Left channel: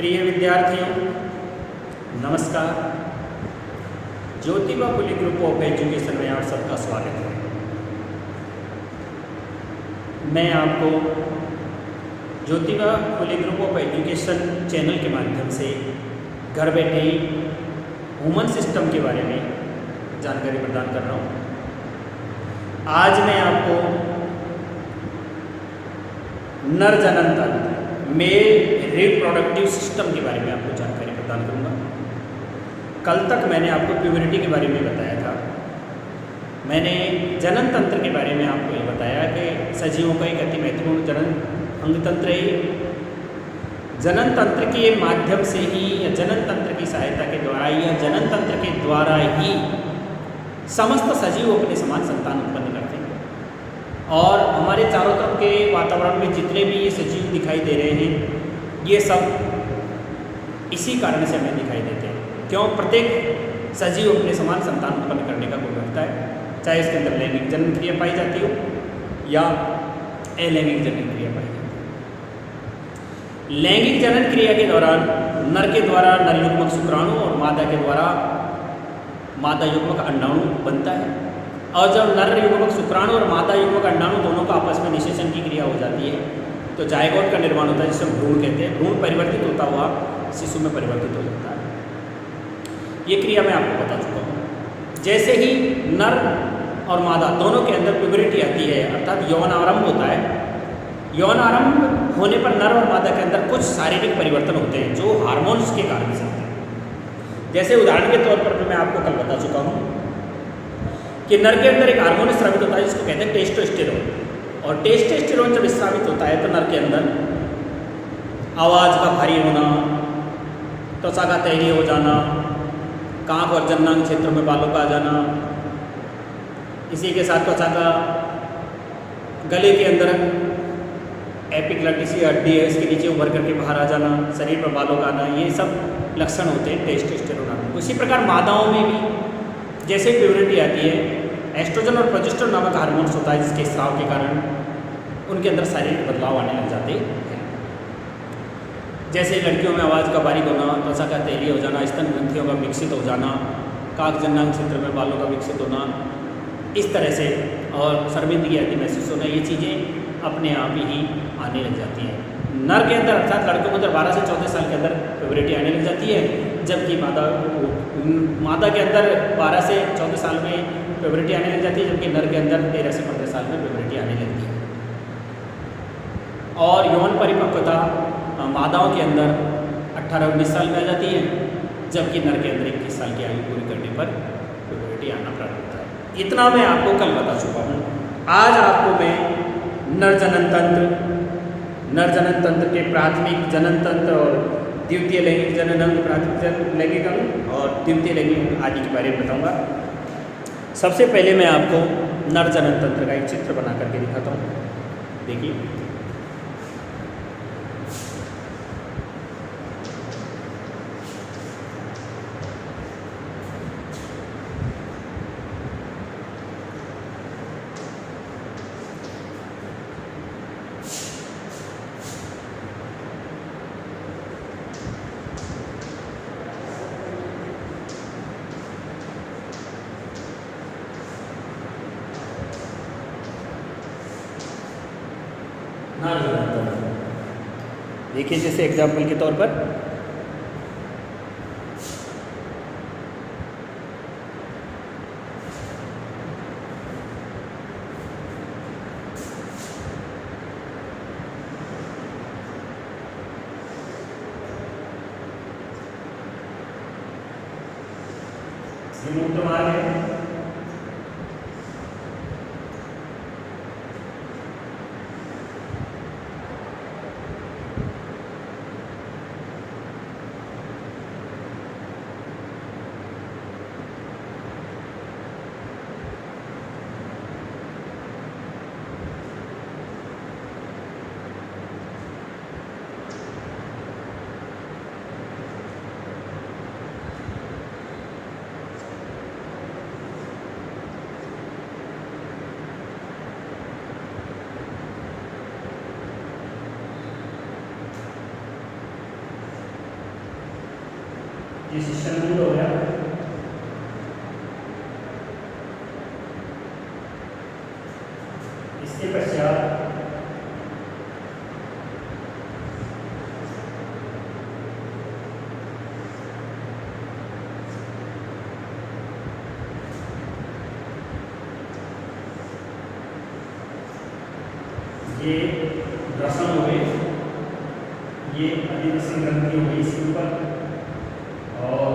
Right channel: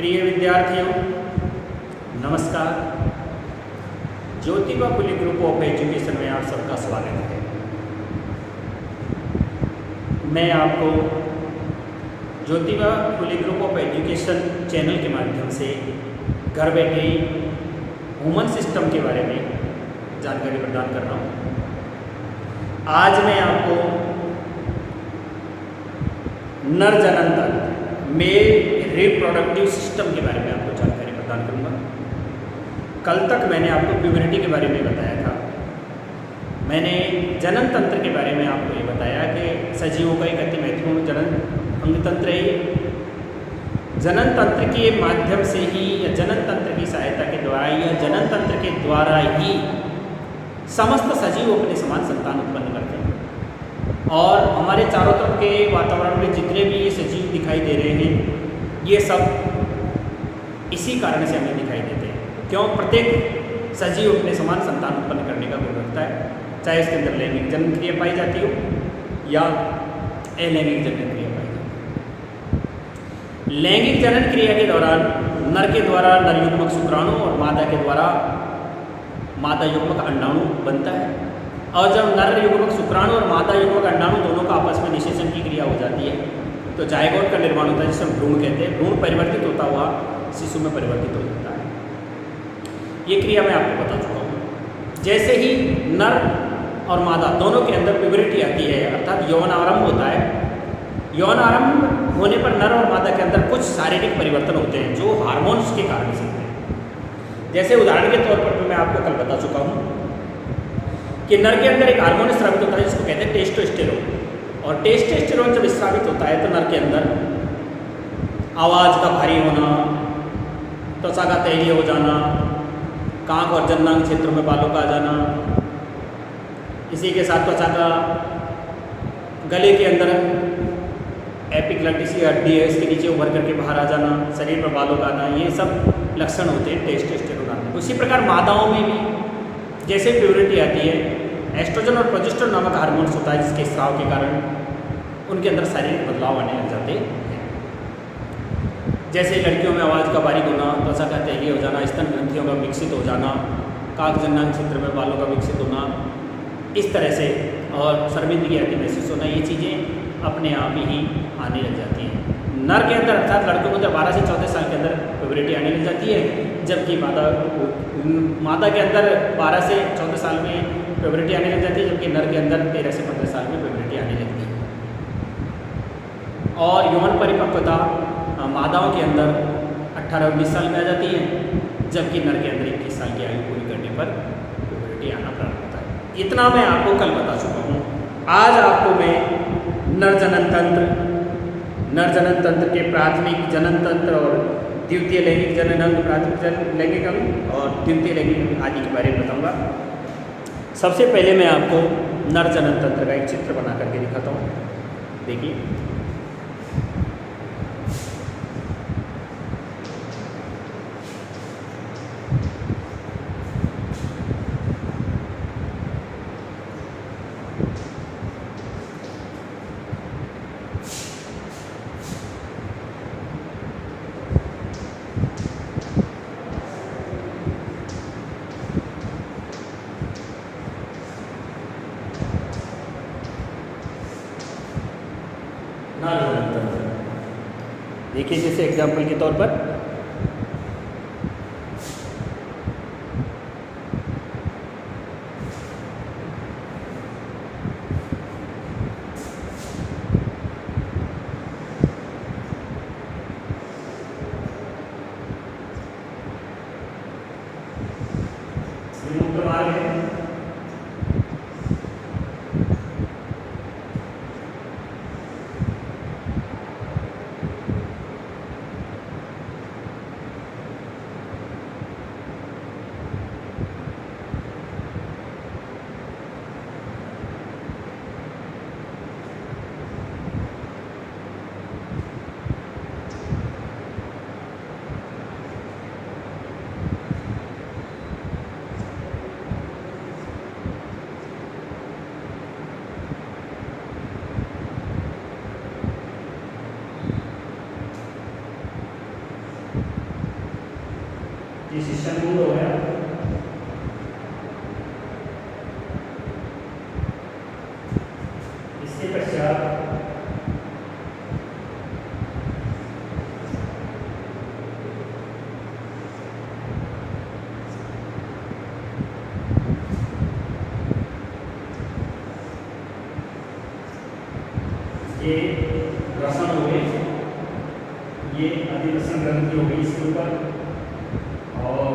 प्रिय विद्यार्थियों, नमस्कार। Jyotiba Phule group of education में आप सबका स्वागत है। मैं आपको Jyotiba Phule group of education channel के माध्यम से घर बैठे ही ह्यूमन सिस्टम के बारे में जानकारी प्रदान कर रहा हूँ। आज मैं आपको नर जनन तंत्र मेल रिप्रोडक्टिव सिस्टम के बारे में आपको जानकारी प्रदान करूंगा। कल तक मैंने आपको प्यूबरिटी के बारे में बताया था। मैंने जनन तंत्र के बारे में आपको ये बताया कि सजीवों का एक अति महत्वपूर्ण जनन अंग तंत्र है। जनन तंत्र के माध्यम से ही या जनन तंत्र की सहायता के द्वारा या जनन तंत्र के द्वारा ही समस्त सजीव अपने समान संतान उत्पन्न करते हैं। और हमारे चारों तरफ के वातावरण में जितने भी ये सजीव दिखाई दे रहे हैं, ये सब इसी कारण से हमें दिखाई देते हैं। क्यों? प्रत्येक सजीव अपने समान संतान उत्पन्न करने का गुण रखता है, चाहे उसके अंदर लैंगिक जनन क्रिया पाई जाती हो या अलैंगिक जनन क्रिया पाई जाती है। लैंगिक जनन क्रिया के दौरान नर के द्वारा नर युग्मक शुक्राणु और मादा के द्वारा मादा युग्मक अंडाणु बनता है। और जब नर युग्मक शुक्राणु और मादा युग्मक अंडाणु दोनों का आपस में निषेचन की क्रिया हो जाती है तो जायगोट का निर्माण होता है, जिसे हम भ्रूण कहते हैं। भ्रूण परिवर्तित होता हुआ शिशु में परिवर्तित हो जाता है। ये क्रिया मैं आपको बता चुका हूँ। जैसे ही नर और मादा दोनों के अंदर प्यूबरिटी आती है, अर्थात यौन आरंभ होता है, यौन आरंभ होने पर नर और मादा के अंदर कुछ शारीरिक परिवर्तन होते हैं जो हार्मोन्स के कारण से होते हैं। जैसे उदाहरण के तौर पर मैं आपको कल बता चुका हूँ कि नर के अंदर एक हार्मोन स्रावित होता है जिसको कहते हैं टेस्टोस्टेरोन। और टेस्टोस्टेरोन जब स्रावित होता है तो नर के अंदर आवाज़ का भारी होना, त्वचा का तैलीय हो जाना, कांख और जननांग क्षेत्रों में बालों का आ जाना, इसी के साथ त्वचा का गले के अंदर एपिग्लॉटिस हड्डी है, इसके नीचे उभर करके बाहर आ जाना, शरीर पर बालों का आना, ये सब लक्षण होते हैं टेस्टोस्टेरोन हार्मोन। उसी प्रकार मादाओं में भी जैसे प्यूबरिटी आती है, एस्ट्रोजन और प्रोजेस्टेरोन नामक हार्मोन्स होता है जिसके स्राव के कारण उनके अंदर शारीरिक बदलाव आने लग जाते हैं। जैसे लड़कियों में आवाज़ का बारीक होना, त्वचा का तैलीय हो जाना, स्तन ग्रंथियों का विकसित हो जाना, काक जननांग क्षेत्र में बालों का विकसित होना, इस तरह से, और शर्मिंदगी आदि महसूस होना, ये चीज़ें अपने आप ही आने लग जाती हैं। नर के अंदर अर्थात लड़कों के अंदर 12 से 14 साल के अंदर प्यूबरिटी आने लग जाती है, जबकि मादा के अंदर 12 से 14 साल में प्यूबरिटी आने लग जाती है, जबकि नर के अंदर 13 से 15 साल में प्यूबरिटी आने लगती है। और यौन परिपक्वता मादाओं के अंदर 18-19 साल में आ जाती है, जबकि नर के अंदर 21 साल की आयु पूरी करने पर प्यूबरिटी आना प्रारंभ होता है। इतना मैं आपको कल बता चुका हूँ। आज आपको मैं नर जनन तंत्र के प्राथमिक जनन तंत्र और द्वितीय लैंगिक जनन अंग, प्राथमिक लैंगिक अंग और द्वितीय लैंगिक अंग आदि के बारे में बताऊंगा। सबसे पहले मैं आपको नर जनन तंत्र का एक चित्र बना करके दिखाता हूँ। देखिए, देखिए जैसे एग्जाम्पल के तौर पर ये मुक्त मार्ग है। ये शिष्टमूल हो गया। इसके पश्चात ये ग्रसन हो गए, ये अधिग्रसन ग्रंथि हो गई इसके ऊपर, और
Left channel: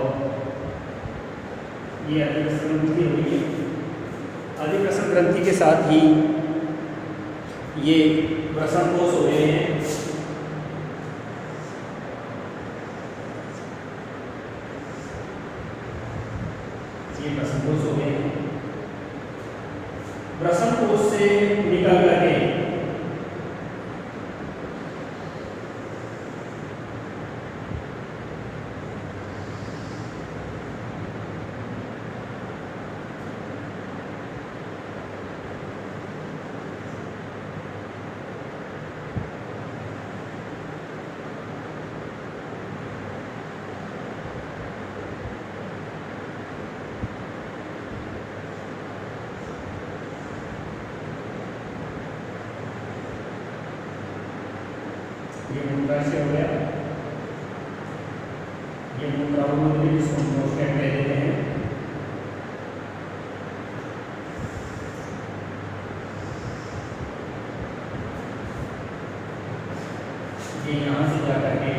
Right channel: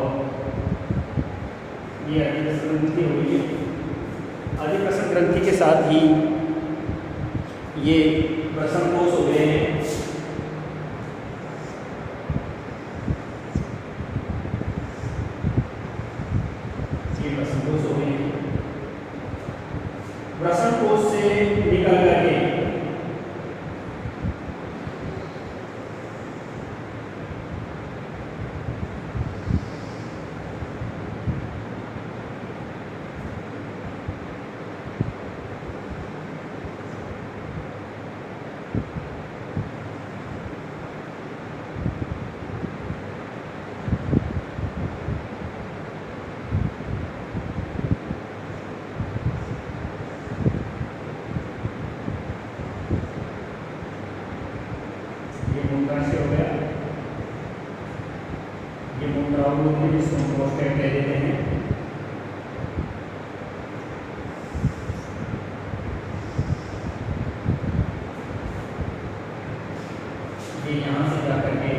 ये अधिग्रसन ग्रंथि हो गई है। अधिग्रसन ग्रंथि के साथ ही ये ग्रसन कोष हो गए हैं। ये ग्रसन कोष हो गए हैं। ग्रसन कोष से निकल करके ये मूत्राशय हो गया, ये मूत्रावरोध जिसको हम प्रोस्टेट कह देते हैं। ये यहाँ से जाकर के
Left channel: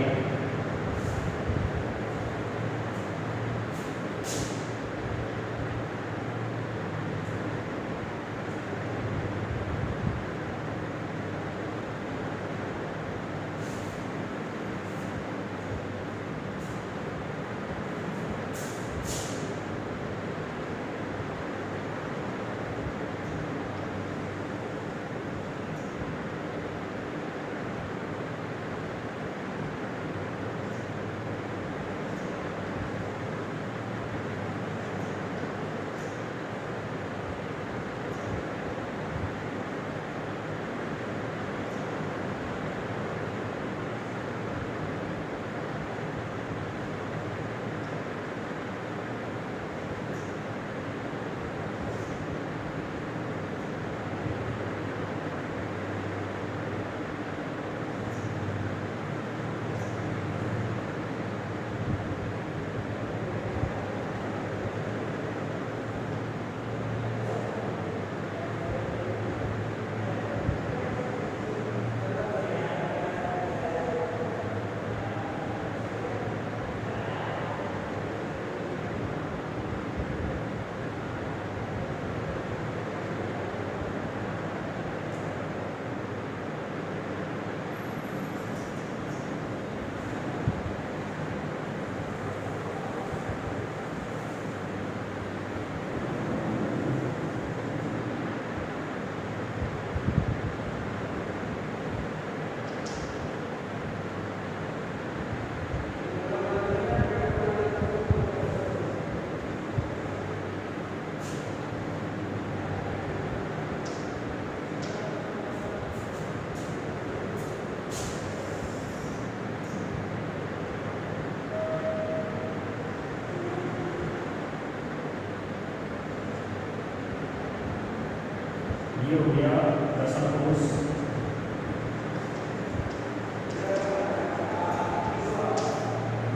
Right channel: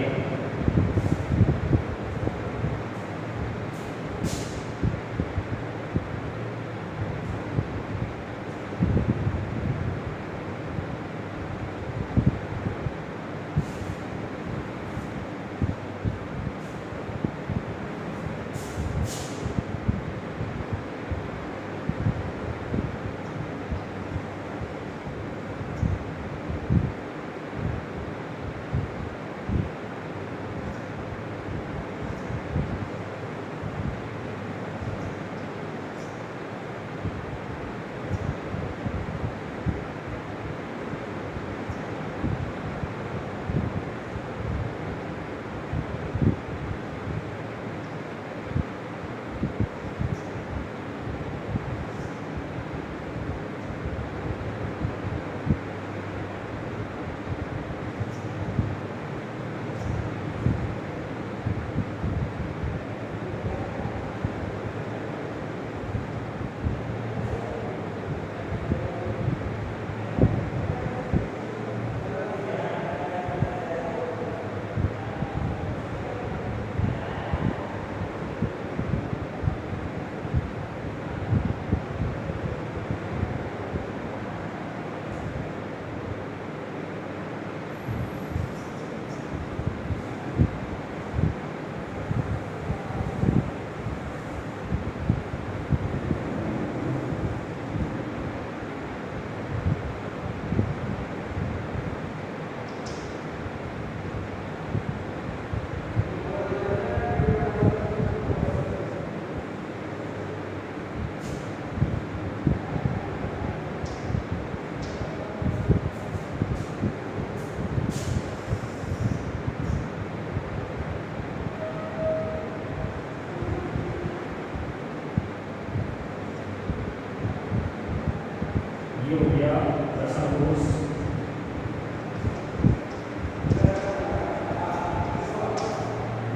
ये हो गया ग्रसन कोष।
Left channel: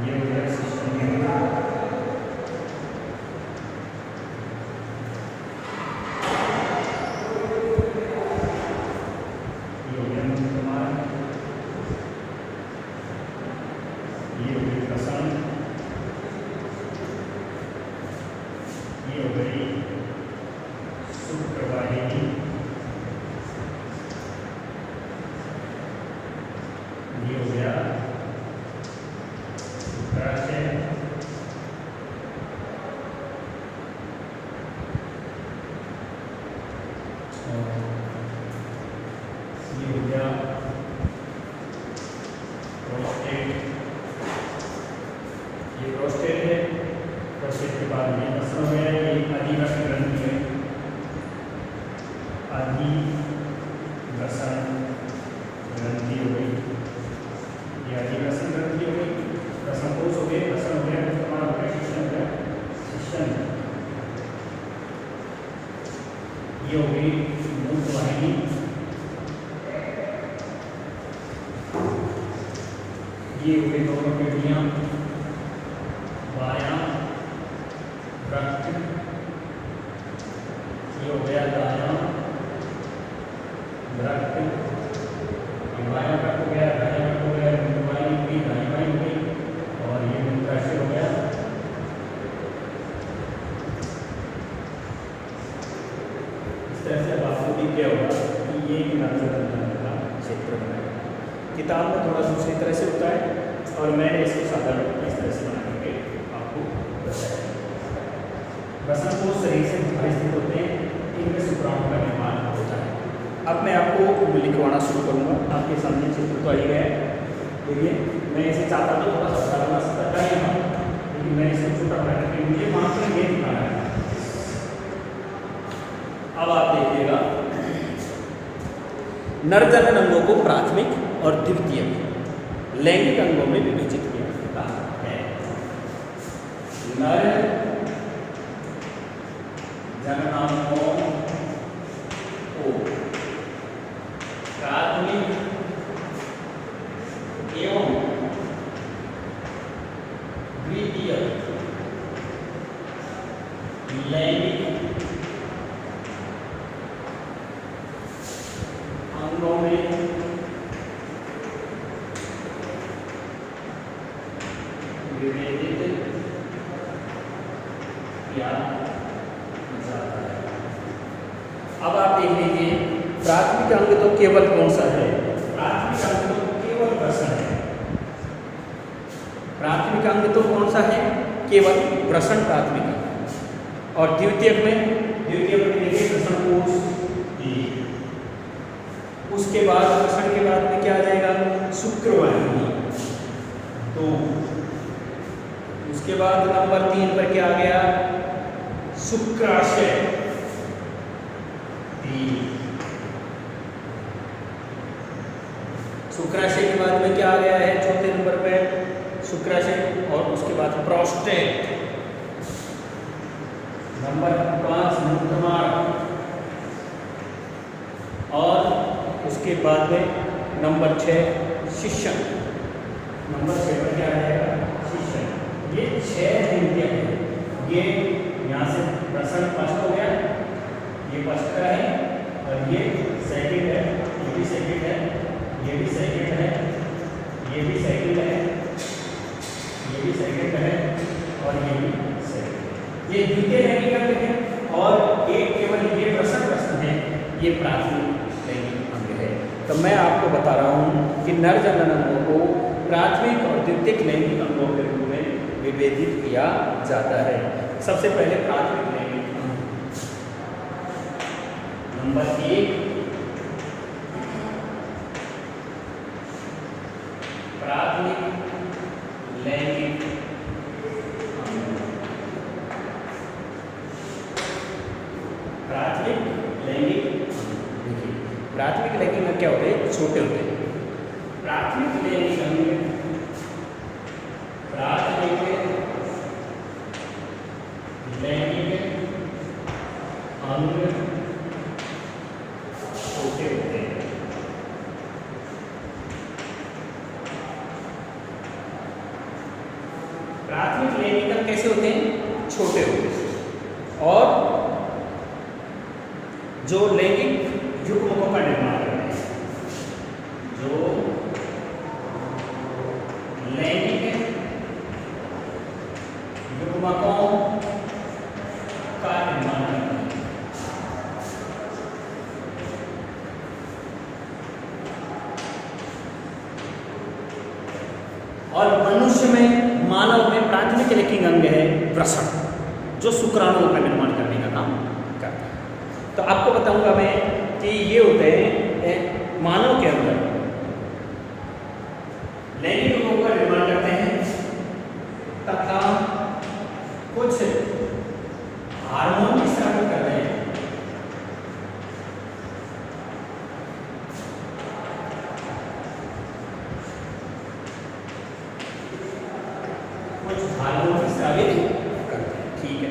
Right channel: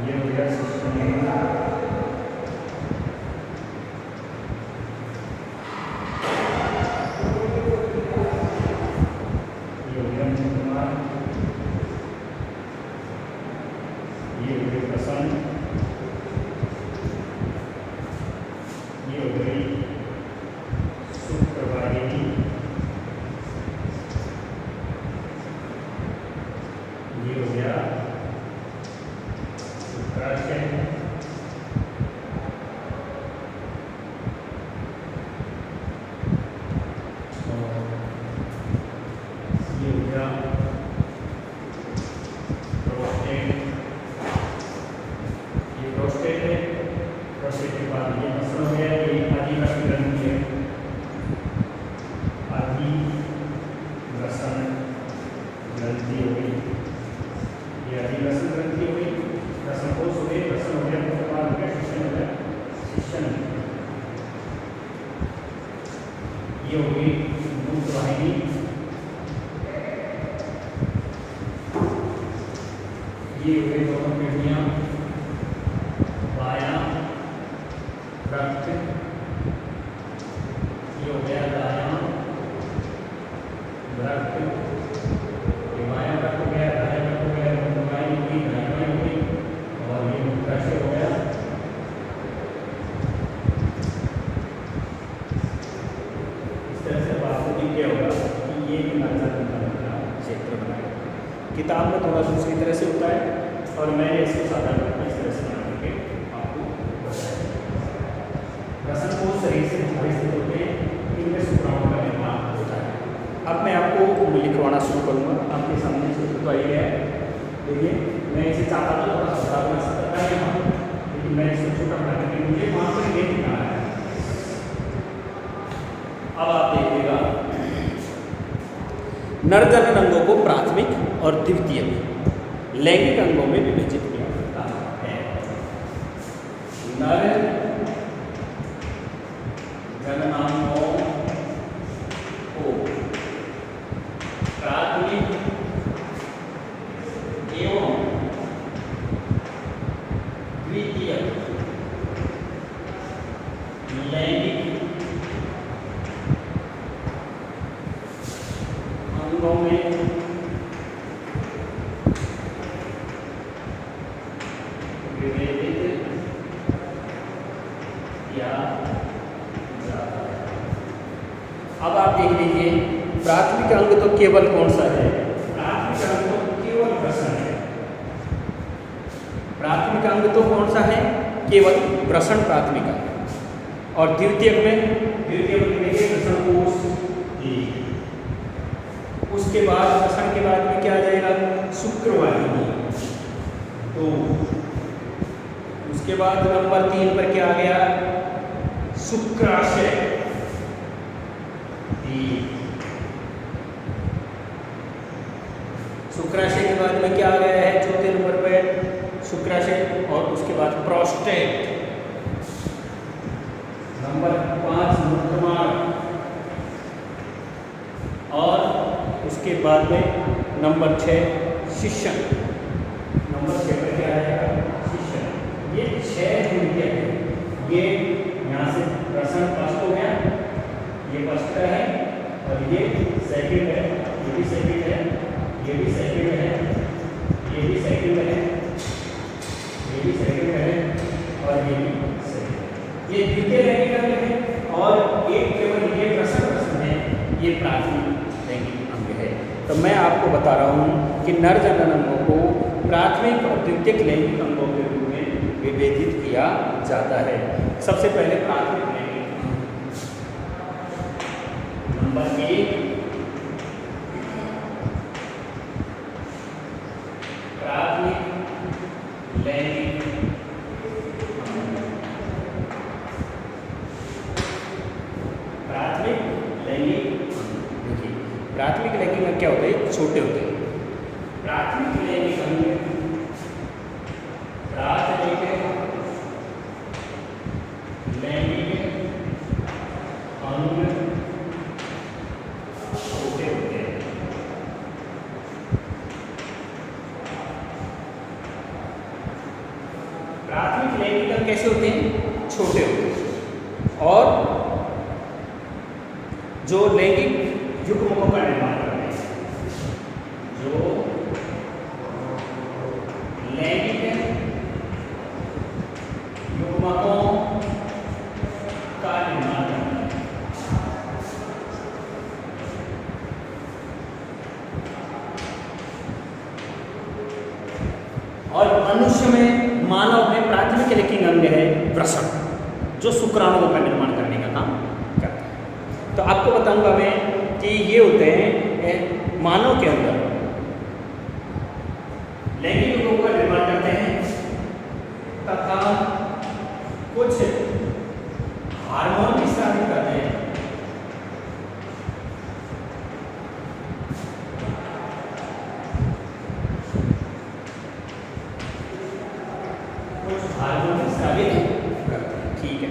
ये हो गया सिस्टम में ये हो गया मुख्यमार्ग, ये हो गया ग्रसन, ये हो गई शुक्रवाहिनी, ये हो गया शुक्राशय, ये हो गया प्रोस्टेट, ये प्रोस्टेट है। प्रोस्टेट के बाद ये ग्रसन हो गया, ये अधिग्रसन ग्रंथि है, अधिग्रसन ग्रंथि हो गई, ये अधिग्रसन ग्रंथि हो गई। ग्रसन कोष हो गए, ग्रसन हो गया, ये हो गई दोनों किडनियाँ, बायां वृक्क, ये हो गया दायां वृक्क, ये बायां वृक्क हो गया, दायां वृक्क हो गया, मुंडवाई हो गई, दायां हो गई, और ये मूत्राशय हो गया। इस तरह से आपको दिख गया होगा कि ये नर्जन का क्षेत्र बना है। किताब में थोड़ा दूसरी तरह से होता है और मैंने इसको साधारण इस तरह से बना करके आपको बताया। वसन कोश शरीर से बाहर स्थित होते हैं, इनमें शुक्राणु का निर्माण होता है। अब मैं आपको लिखवाना शुरू करूँगा। आपके सामने सूत्र तो आ ही गया है। देखिए, मैं इसे चाहता तो थोड़ा सा बड़ा बना सकता था यहाँ, लेकिन मैंने इसको छोटा बना करके मुझे वहाँ पर ये दिखाना है। अब आप देखिएगा, नर जनन अंगों को प्राथमिक और द्वितीयक लैंगिक अंगों में विभाजित किया जाता है। नर जननांगों को प्राथमिक एवं द्वितीयक लैंगिक अंगों में विभेदित किया जाता है। अब आप देख लीजिए, प्राथमिक अंग तो केवल कौन सा है? प्राथमिक अंग तो केवल वृषण है। प्राथमिक अंग तो कौन सा है? केवल वृषण प्राथमिक अंग। और द्वितीयक में देखिए वृषण कोश, उसके बाद वृषण के बाद में क्या आ जाएगा? शुक्रवाहिनी। तो उसके बाद नंबर 3 पर क्या आ गया? शुक्राशय। शुक्राशय के बाद में क्या आ गया है? चौथे नंबर पर शुक्राशय। और उसके बाद प्रोस्टेट। नंबर 5 मूत्रमार्ग। और उसके बाद में नंबर 6 शिशन। नंबर 6 पर क्या रहेगा? शिशन। ये 6 द्वितीयक है। ये यहाँ से वृषण फर्स्ट हो गया, ये फर्स्ट का है, और ये सेकंड है, ये भी सेकंड है, ये भी सेकंड है, ये भी सेकंड है, ये भी सेकंड है, और ये भी सेकंड। ये द्वितीय लैंगिक अंग है। और एक केवल ये वृषण है, ये प्राथमिक लैंगिक अंग है। तो मैं आपको बता रहा हूँ कि नर जनन अंगों को प्राथमिक और द्वितीयक लैंगिक अंगों के रूप में विभेदित किया जाता है। सबसे पहले प्राथमिक लैंगिक अंग। नंबर 1 प्राथमिक लैंगिक अंग। प्राथमिक लैंगिक अंग, प्राथमिक लैंगिक अंग क्या होते हैं? छोटे होते हैं। प्राथमिक लैंगिक अंग, प्राथमिक लैंगिक अंग छोटे होते हैं। प्राथमिक लैंगिक अंग कैसे होते हैं? छोटे होते हैं। और जो लैंगिक युग्मकों का निर्माण कर रहे हैं, जो लैंगिक युग्मकों का निर्माण कर रहे हैं। और मनुष्य में, मानव में प्राथमिक लैंगिक अंग है वृषण, जो शुक्राणुओं का निर्माण करने का काम करता है। तो आपको बताऊंगा मैं कि ये होते हैं मानव के अंदर लैंगिक अंगों का निर्माण करते हैं तथा कुछ हार्मोन स्रावित करते हैं। कुछ हार्मोन स्रावित करते हैं। ठीक है।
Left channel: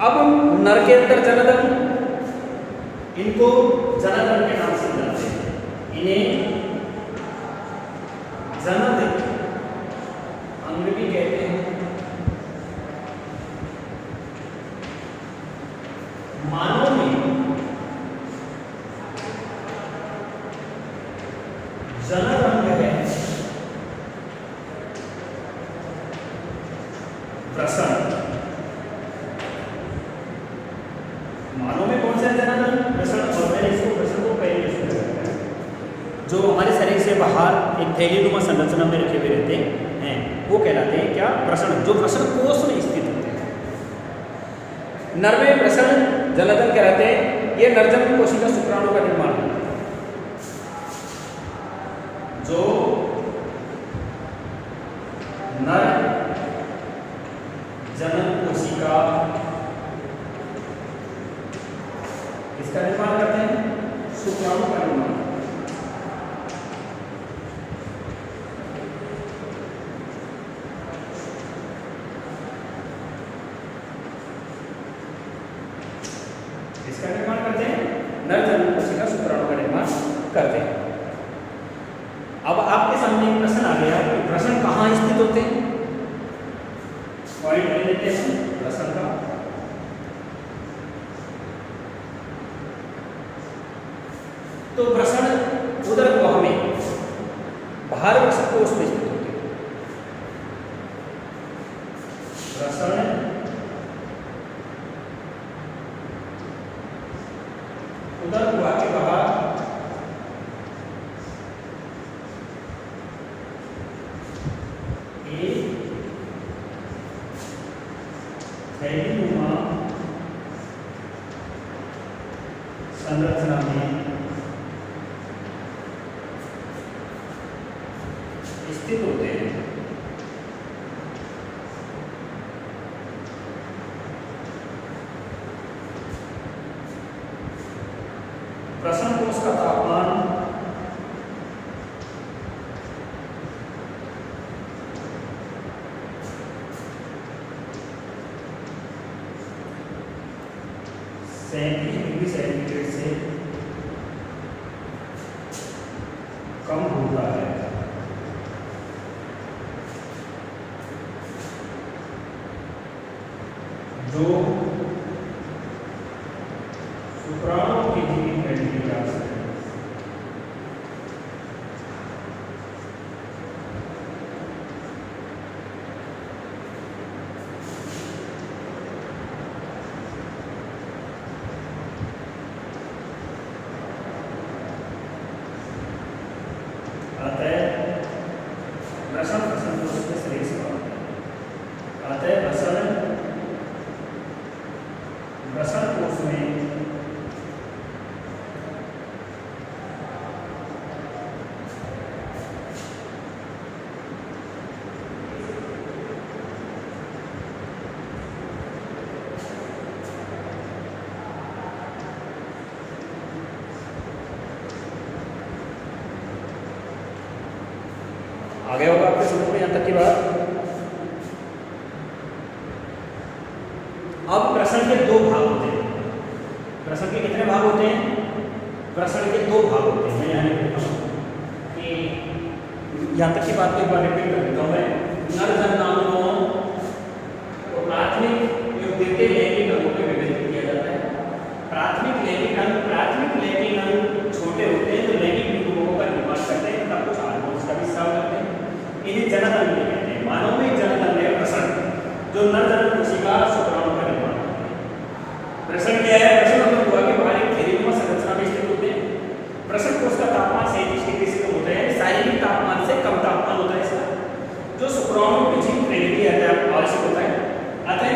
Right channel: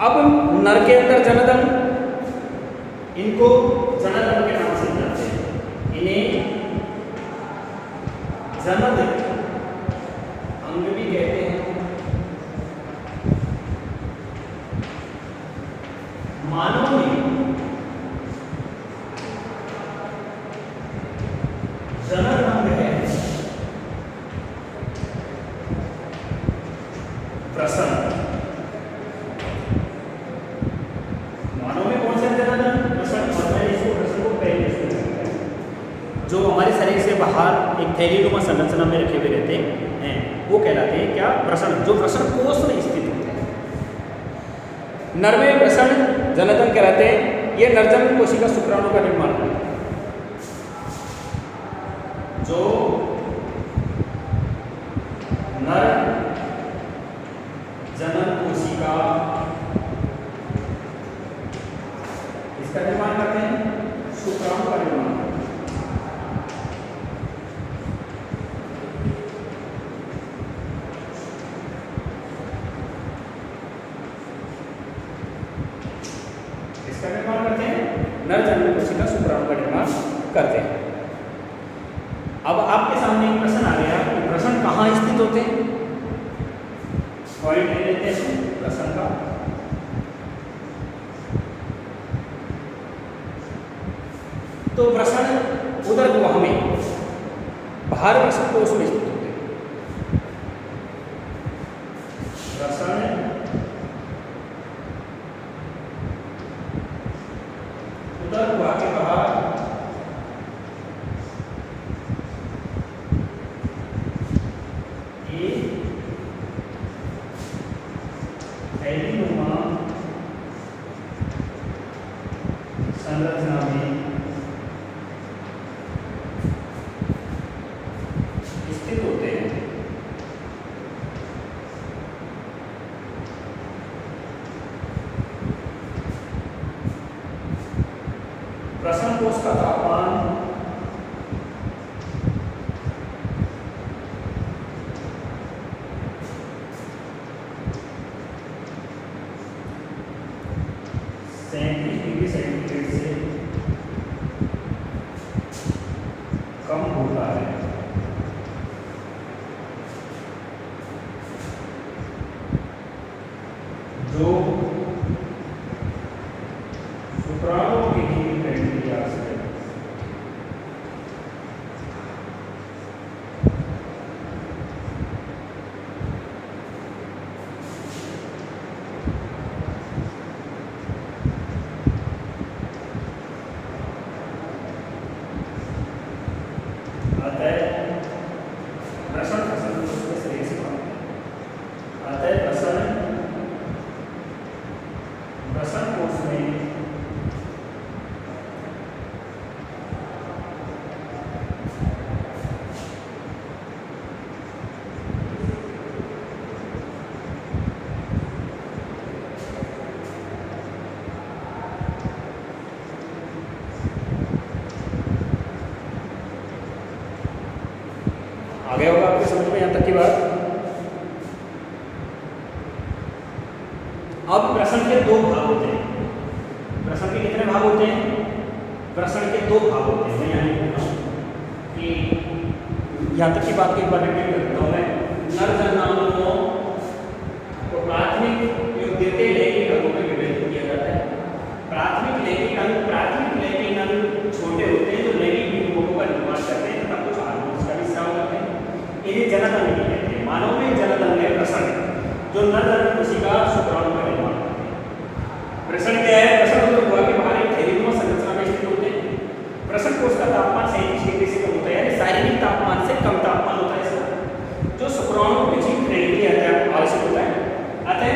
अब नर के अंदर जनन, इनको जनन के नाम से जानते हैं। इन्हें जनन अंग भी कहते हैं। मानव में जनन अंग है प्रसन्न। मानव में कौन सा जनन अंग? प्रसन्न। और मैंने इसको प्रसन्न को पहले से जो हमारे शरीर से बाहर एक थैलीनुमा संरचना में रखे हुए रहते हैं वो कहलाते हैं क्या? प्रसन्न, जो प्रसन्न कोष में स्थित होते हैं। नर में प्रसन्न जनन कहलाते हैं। ये नरजनन कोशिका शुक्राणु का निर्माण करते हैं। जो नर जनन कोशिका इसका निर्माण करते हैं, शुक्राणु का निर्माण। इसका निर्माण करते हैं, नर जनन कोशिका शुक्राणु का निर्माण करते हैं। अब आपके सामने एक प्रश्न आ गया कि प्रश्न कहाँ स्थित होते हैं? पॉइंट ले लेते हैं प्रश्न का। तो प्रश्न उदर गुहा में बाहर कोष में स्थित होते हैं। प्रश्न उदर गुहा के बाहर थैलीनुमा संरचना में स्थित होते हैं। प्रसन्न कोष का तापमान 37 डिग्री सेंटीग्रेड से कम होता है। जो शुक्राणु की जीवित बैक्टीरिया से आ गया होगा आपके समझ में यहाँ तक की बात। अब प्रश्न के दो भाग होते हैं। प्रश्न के कितने भाग होते हैं? प्रश्न के दो भाग होते हैं। मैं यहाँ लिख देता हूँ कि यहाँ तक की बात को एक बार रिपीट कर देता हूँ मैं। नर जननांगों को प्राथमिक देते लैंगिक अंगों में विभाजित किया जाता है। प्राथमिक लैंगिक अंग छोटे होते हैं जो लैंगिक युग्मकों का निर्माण करते हैं तथा कुछ हार्मोन्स का भी स्राव करते हैं। इन्हें जनन अंग कहते हैं। मानव में जनन अंग है प्रसन्न, जो नर जनन कोशिका शुक्राणु का निर्माण करते हैं। प्रसन्न क्या है? प्रसन्न उदर गुहा के बाहर एक थैलीनुमा संरचना में स्थित होते हैं। प्रसन्न कोष का तापमान 37 डिग्री से कम होता है, यानी शारीरिक तापमान से कम तापमान होता है इसका, जो शुक्राणु की जीवित क्रिया आवश्यक होता है। अतः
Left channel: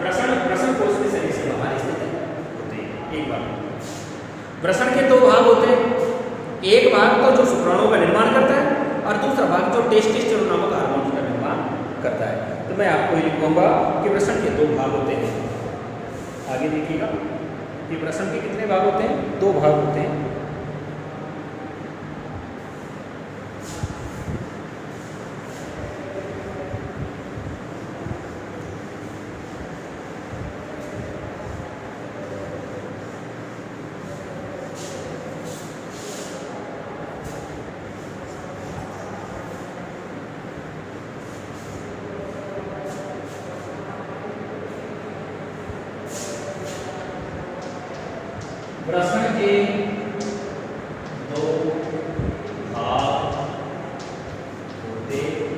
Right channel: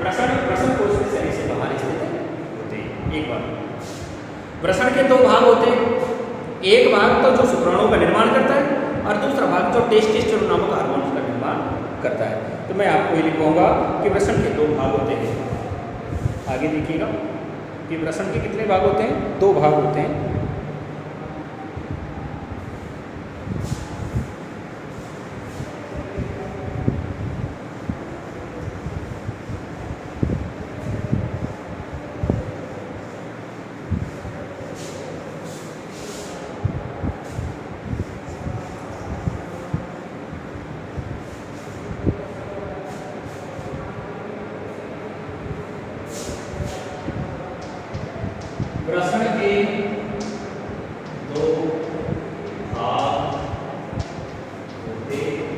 प्रसन्न कोष के शरीर से बाहर स्थित होते हैं। एक बार प्रसन्न के दो भाग होते हैं। एक भाग तो जो शुक्राणु का निर्माण करता है और दूसरा भाग जो टेस्टोस्टेरोन नामक हार्मोन का निर्माण करता है। तो मैं आपको ये लिखूंगा कि प्रसन्न के दो भाग होते हैं। आगे देखिएगा कि प्रसन्न के कितने भाग होते हैं? दो भाग होते हैं। प्रश्न के दो भाग होते हैं।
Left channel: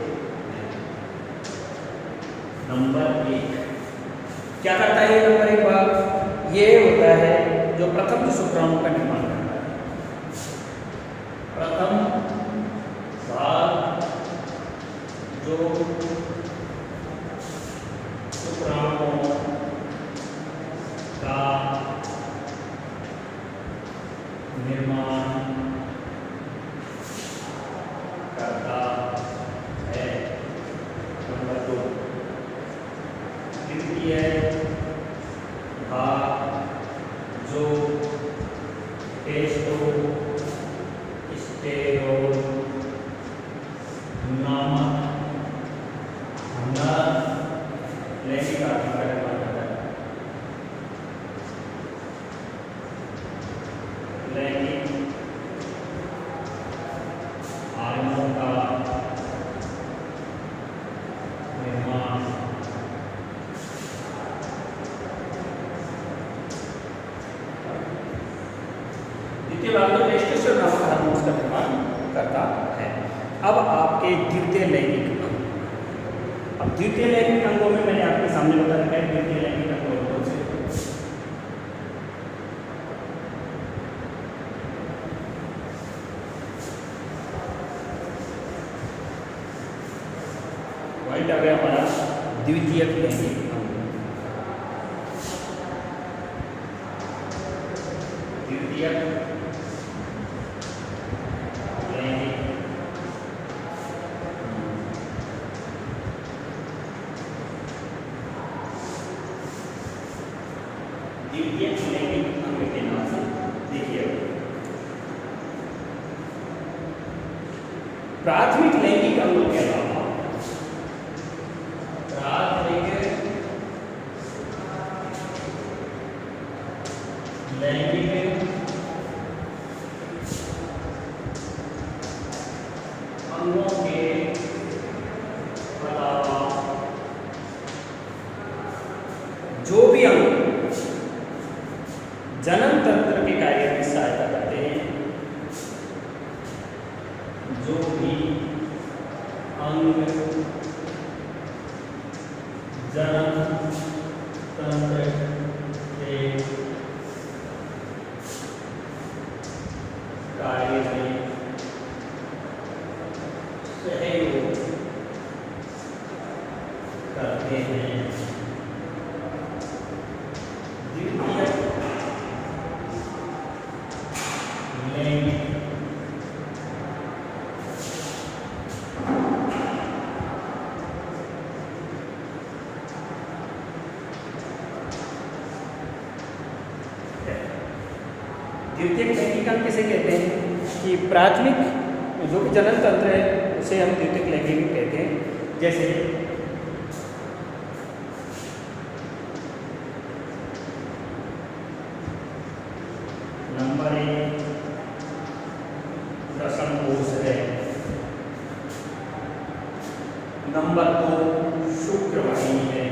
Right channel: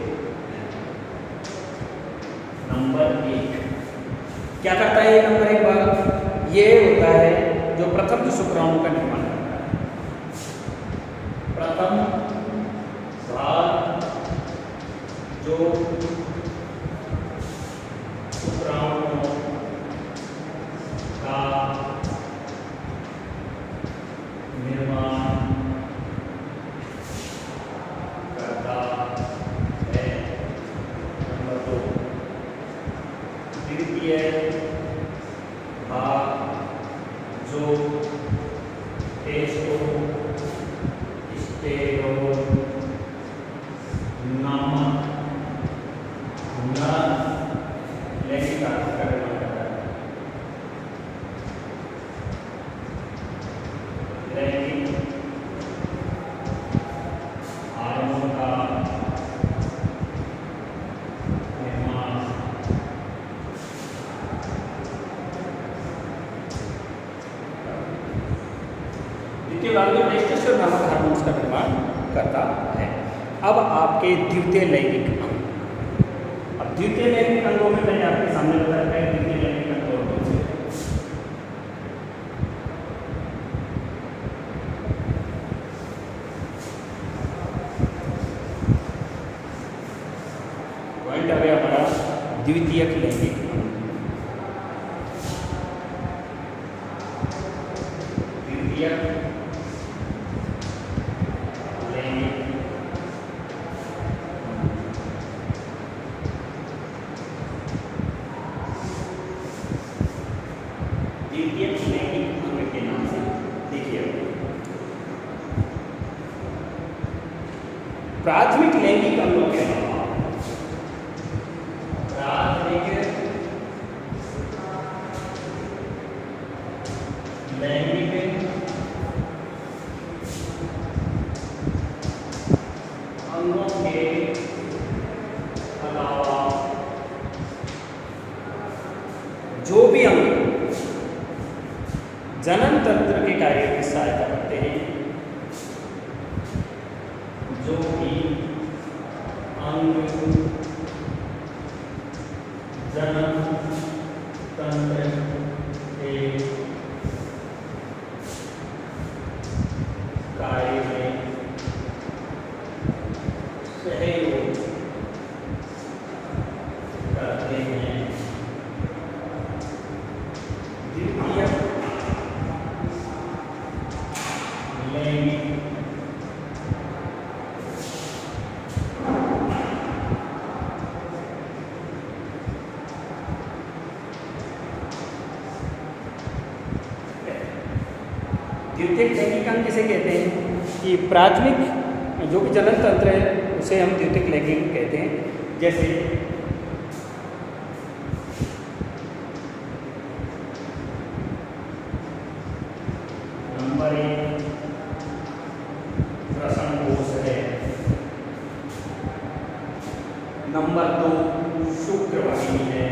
नंबर एक क्या करता है? नंबर एक भाग ये होता है जो प्रथम जो शुक्राणु का निर्माण करता है। प्रथम भाग जो शुक्राणुओं का निर्माण करता है। नंबर दो द्वितीय भाग जो टेस्टोस्टेरोन नामक नर लैंगिक हार्मोन का निर्माण करता है। लैंगिक हार्मोन का निर्माण द्वितीय भाग में टेस्टोस्टेरोन नामक हार्मोन्स का निर्माण करता है। अब आपके द्वितीय लैंगिक अंग, अब द्वितीय लैंगिक अंगों में मैंने आपके सामने बता रखा है द्वितीय लैंगिक अंग कौन से। व्हाइट आ गया हमारा द्वितीयक लैंगिक अंग। द्वितीयक लैंगिक द्वितीयक लैंगिक अंग के नाम से देखिए। प्राथमिक लैंगिक अंगों के अलावा प्राथमिक लैंगिक अंगों के अलावा जो भी अंग जनन तंत्र के कार्य में सहायता करते हैं, जो भी अंग जनन तंत्र के कार्य में सहयोग करते हैं, द्वितीय लैंगिक द्वितीयक लैंगिक अंग किसे कहते हैं कि प्राथमिक जो भी जनन तंत्र है उसे हम द्वितीयक लैंगिक कहते हैं। जैसे नंबर एक प्रसन कोष है, नंबर दो शुक्रवाहिनी है,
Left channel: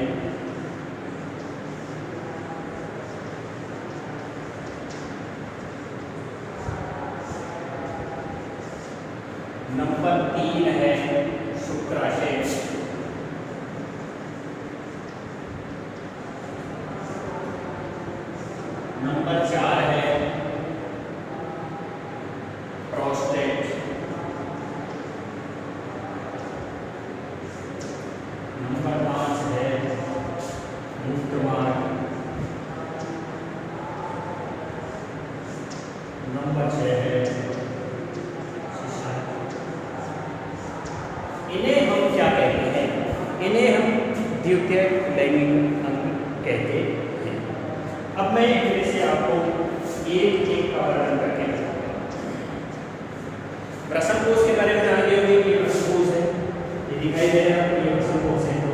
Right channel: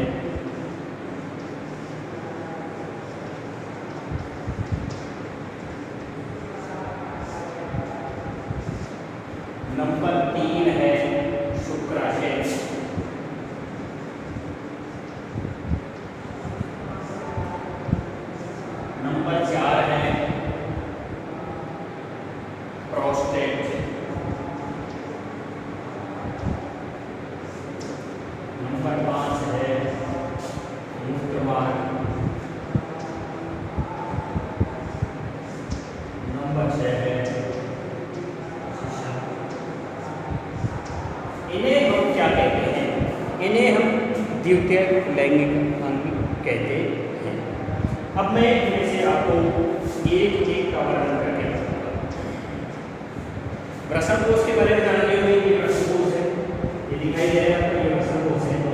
नंबर तीन है शुक्राशय, नंबर चार है प्रोस्टेट, नंबर पांच है मूत्रमार्ग, नंबर छह है इन्हें हम क्या कहते हैं? इन्हें हम द्वितीयक लैंगिक अंग कहते हैं। अब मैं इनमें से आपको एक एक का वर्णन करके बताऊंगा। वृषण कोष के बारे में जान लिए होंगे कि वृषण कोष है, ये दिखाई दे रहा है आपको, ये वृषण कोष है। तो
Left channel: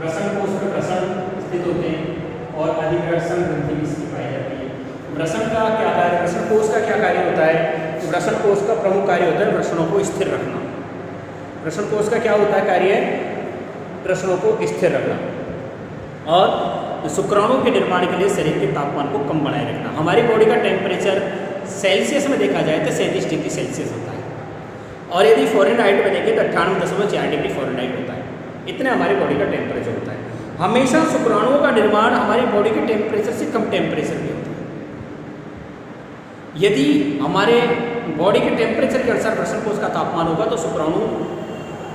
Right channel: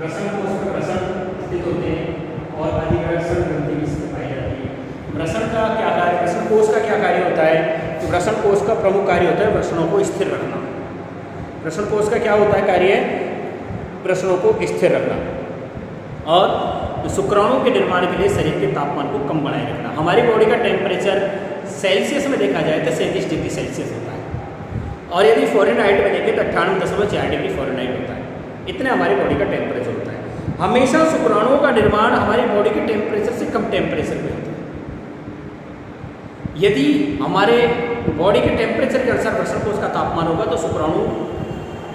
वृषण कोष में वृषण स्थित होते हैं और अधिवृषण ग्रंथि भी इसमें पाई जाती है। वृषण का क्या कार्य, वृषण कोष का क्या कार्य होता है? तो वृषण कोष का प्रमुख कार्य होता है वृषणों को स्थिर रखना। वृषण कोष का क्या होता है कार्य? वृषणों को स्थिर रखना। और शुक्राणु के निर्माण के लिए शरीर के तापमान को कम बनाए रखना। हमारी बॉडी का टेम्परेचर सेल्सियस में देखा जाए तो 37 डिग्री सेल्सियस होता है, और यदि फ़ारेनहाइट में देखें तो 98.4 डिग्री फ़ारेनहाइट होता है। इतना हमारी बॉडी का टेम्परेचर होता है। हमेशा शुक्राणुओं का निर्माण हमारी बॉडी के टेम्परेचर से कम टेम्परेचर पे होता है। यदि हमारे बॉडी के टेम्परेचर के अनुसार वृषण कोश का तापमान होगा तो शुक्राणु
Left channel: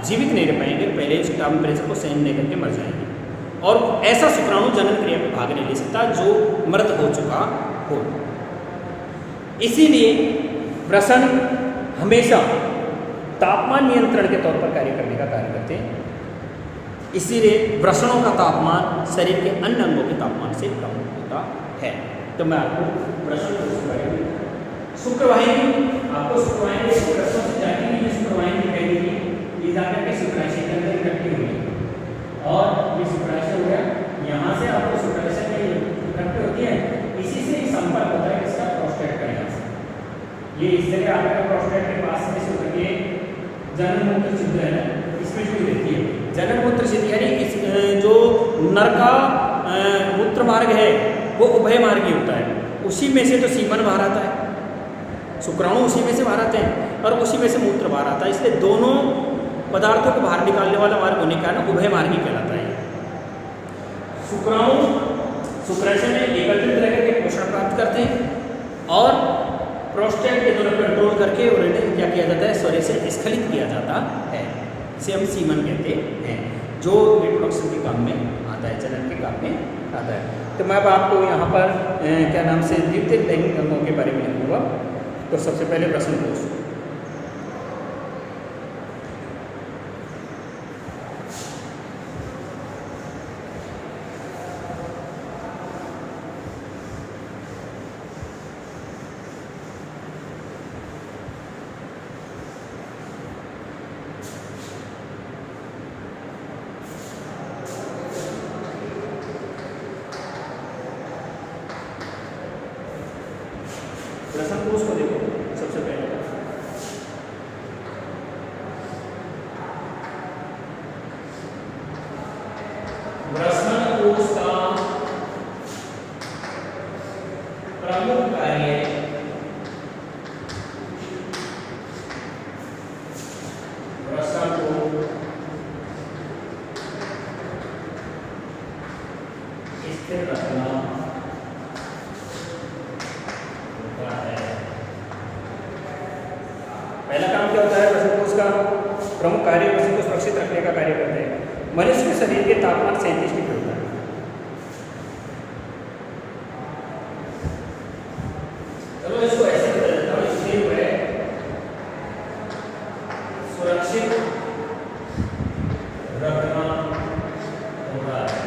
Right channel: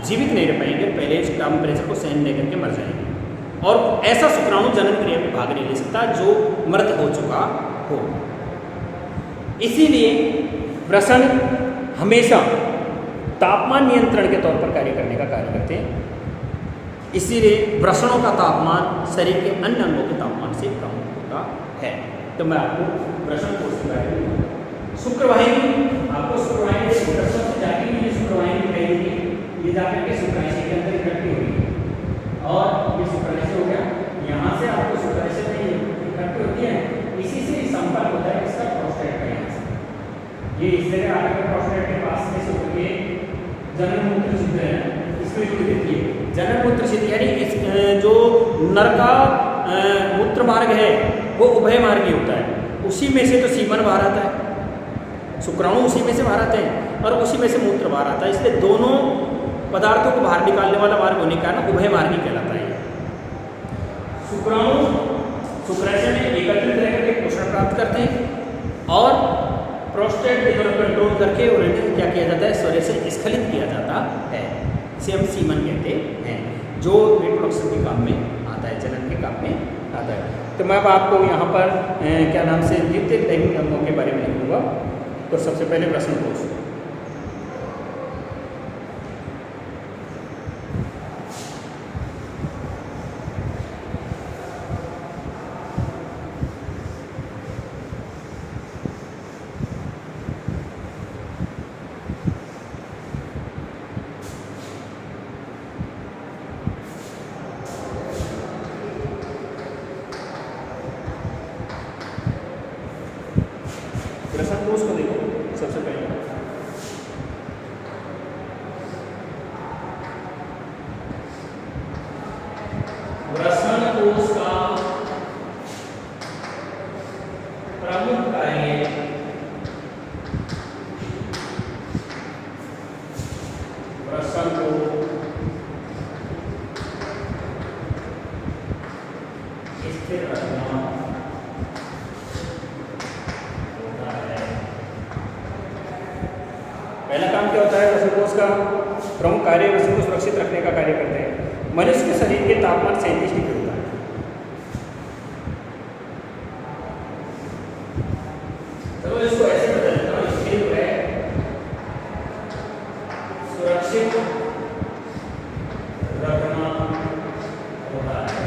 जीवित नहीं रह पाएंगे, पहले इस टेम्परेचर को सहन नहीं करके मर जाएंगे, और ऐसा शुक्राणु जनन क्रिया में भाग नहीं ले सकता जो मृत हो चुका हो। इसीलिए वृषण हमेशा तापमान नियंत्रण के तौर पर कार्य करने का कार्य करते हैं। इसीलिए वृषणों का तापमान शरीर के अन्य अंगों के तापमान से कम होता है। तो मैं आपको वृषण कोश के बारे में, शुक्रवाहिनी, आपको शुक्रवाहिनी शुक्रस्राव से जाती हुई शुक्रवाहिनी दिखाई देगी, ये जाकर के शुक्राशय के अंदर इकट्ठी हुई, और ये शुक्राशय हो गया। यहाँ से आपको शुक्राशय में इकट्ठी होती है, इसी से संपर्क होता है इसका प्रोस्टेट का। यहाँ से ये इस जगह आकर प्रोस्टेट के पास में शुक्र के जनन मूत्र छिद्र है, इसमें जुड़ी रहती है। जनन मूत्र छिद्र यानी जो नर का मूत्र मार्ग है वो उभय मार्गी होता है, उसी में से तो सीमन बाहर आता है, शुक्राणु उसी में से बाहर आते हैं और उसी में से मूत्र बाहर आता है। इसलिए दोनों पदार्थों को बाहर निकालने वाला मार्ग होने के कारण उभय मार्गी कहलाता है। शुक्राणु शुक्राशय में एकत्रित रह करके पोषण प्राप्त करते हैं और प्रोस्टेट के द्वारा कंट्रोल करके और इन्हें क्या किया जाता है, शरीर से स्खलित किया जाता है। इसे हम सीमन कहते हैं, जो रिप्रोडक्शन के काम में आता है, जनन के काम में आता है। तो मैं अब आपको यहाँ पर क्या नाम से द्वितीयक लैंगिक अंगों के बारे में लिखूँगा। तो सबसे पहले वृषण कोश। वृषण कोश को देखो सबसे पहले, वृषण कोश का प्रमुख कार्य वृषण को स्थिर रखना होता है। पहला काम क्या होता है, वृषण कोश का प्रमुख कार्य वृषण को सुरक्षित रखने का कार्य करते हैं। मनुष्य के शरीर के तापमान 37 डिग्री होता है। चलो इसको ऐसे बदल देता हूँ, स्थिर है, सुरक्षित रखना होता है।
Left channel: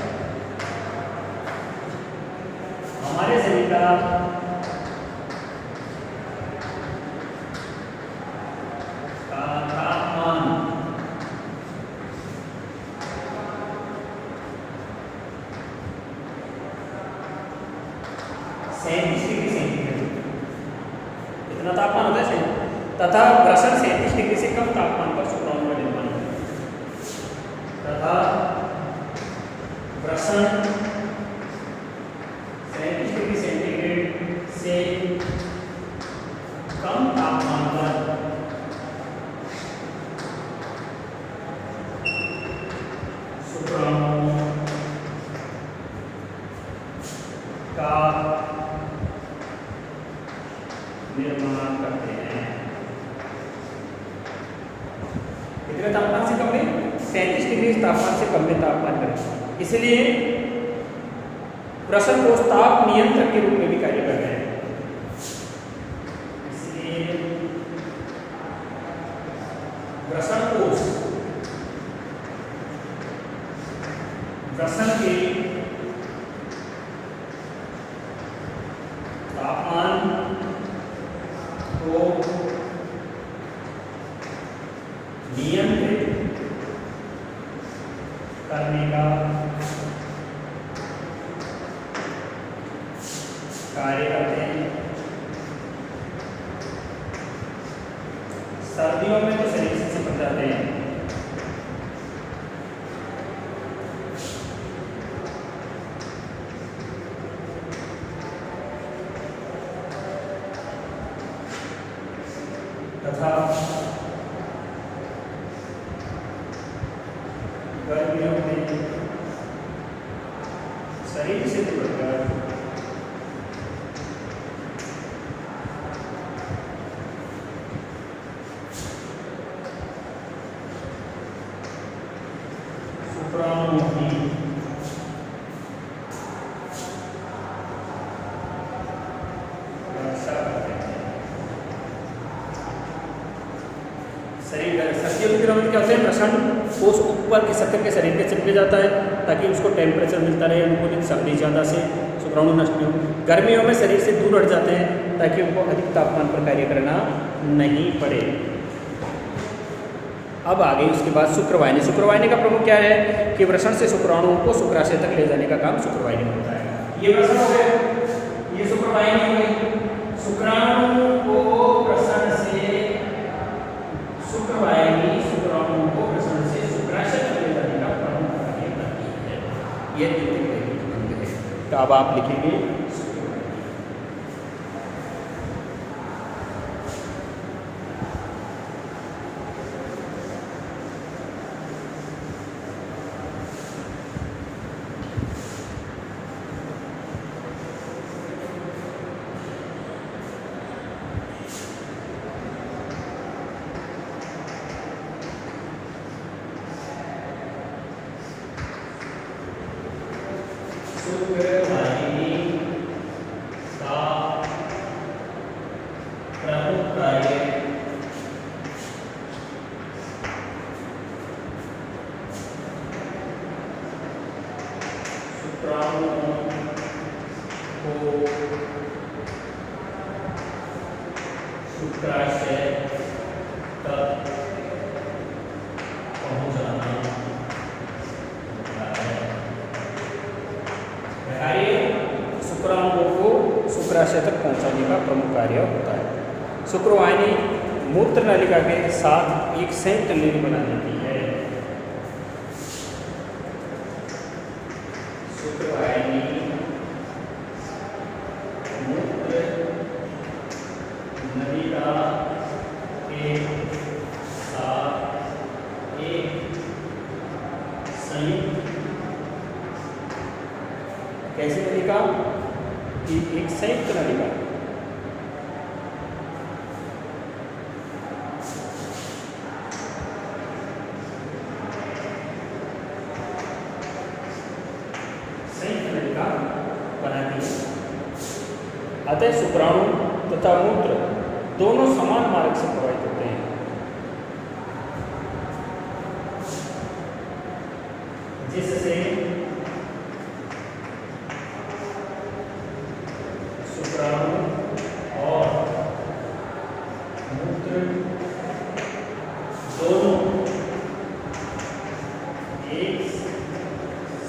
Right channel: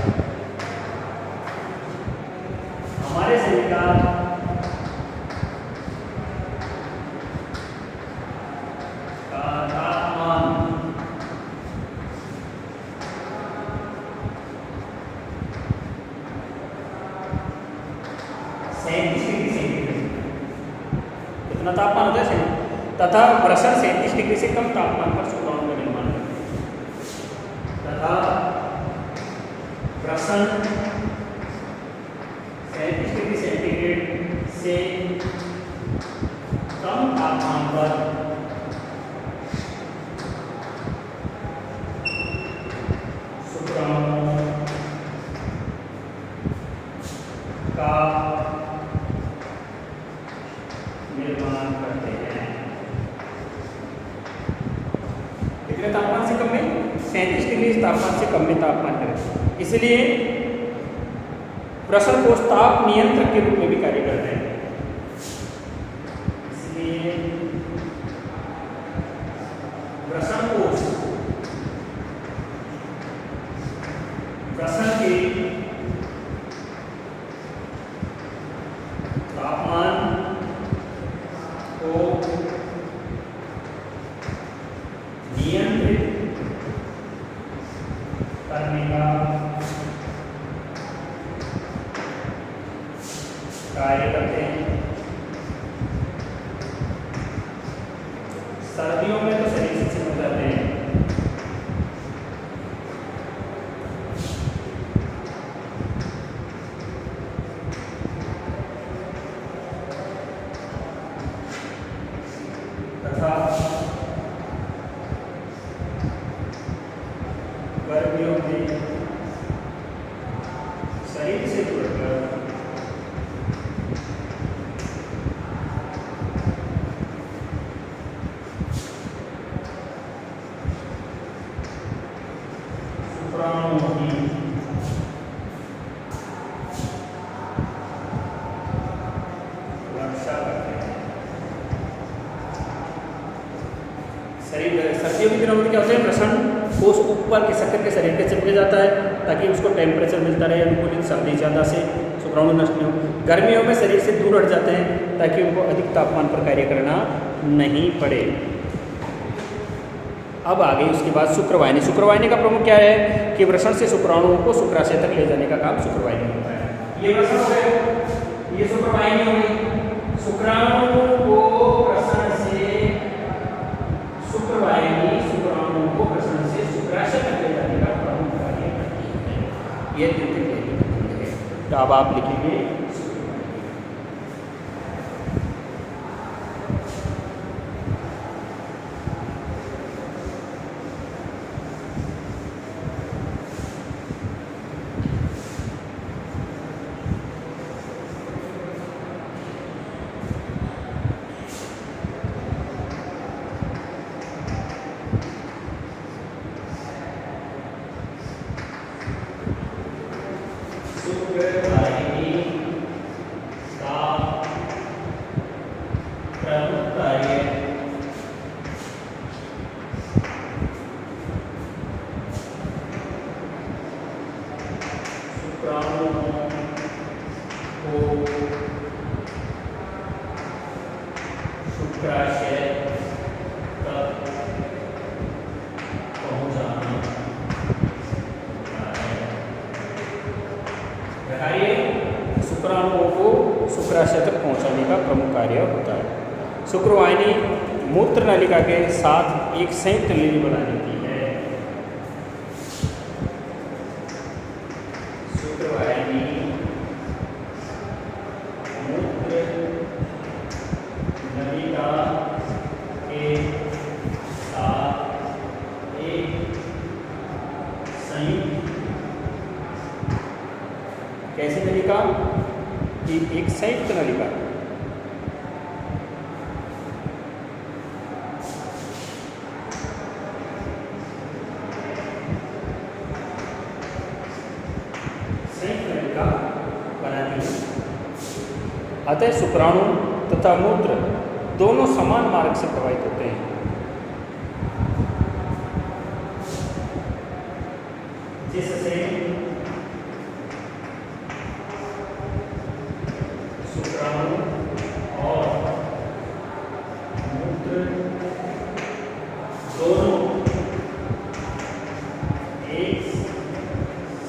हमारे शरीर का तापमान 37 डिग्री सेंटीग्रेड, इतना तापमान होता है तथा वृषण 37 डिग्री से कम तापमान पर शुक्राणु का निर्माण करते हैं तथा वृषण 37 डिग्री सेंटीग्रेड से कम तापमान पर शुक्राणु का निर्माण करते हैं। कितने तापमान से कम में? 37 डिग्री तापमान से कम में तापमान है। इसलिए वृषण कोश ताप नियंत्रक के रूप में भी कार्य करते हैं। इसलिए वृषण कोश वृषण के तापमान को नियंत्रित करने का कार्य करते हैं। सर्दियों में तो शरीर से चिपक जाते हैं, गर्मियों में शरीर से जुड़कर शुक्राणु की रक्षा करते हैं। शरीर सर्दियों के दिनों में क्या होता है, प्रसन्न ठोस ऊपर के शक्कर के शरीर के चिपके जाता है ताकि उसको टेम्परेचर मिलता रहे, अनुकूलित सर्दी ज़्यादा से शुक्राणु नष्ट नहीं हो। गर्मियों में शरीर से दूर हट जाते हैं ताकि उनको अधिक तापमान पर कार्य करना नहीं पड़े। अब आगे उसके बाद शुक्रवाहिनी। शुक्रवाहिनी का प्रमुख क्या है कि वृषण से शुक्राणुओं को शुक्राशय तक ले जाने का काम शुक्रवाहिनी होता है। ये वृषण हो गए, ये शुक्रवाहिनी हुई। शुक्राणु को वृषण से शुक्रवाहिनी शुक्राणुओं को वृषण से शुक्राशय तक ले जाने का प्रमुख कार्य करती है। यह द्वितीय अंग है। तो अब आप लिखेंगे शुक्रवाहिनी का प्रमुख कार्य शुक्राणुओं को शुक्राशय तक पहुंचाना शुक्राणुओं को शुक्राशय तक पहुंचाने का प्रमुख कार्य होता है। शुक्रवाहिनी मूत्र नलिका के साथ एक संयुक्त लिंग बना लेती है। शुक्रवाहिनी मूत्र नलिका के साथ एक संयुक्त कैसी नलिका, एक संयुक्त नलिका बनाती है। अतः शुक्राणु तथा मूत्र दोनों समान मार्ग से प्रवाहित होते हैं। जिससे शुक्राणु और मूत्र दोनों एक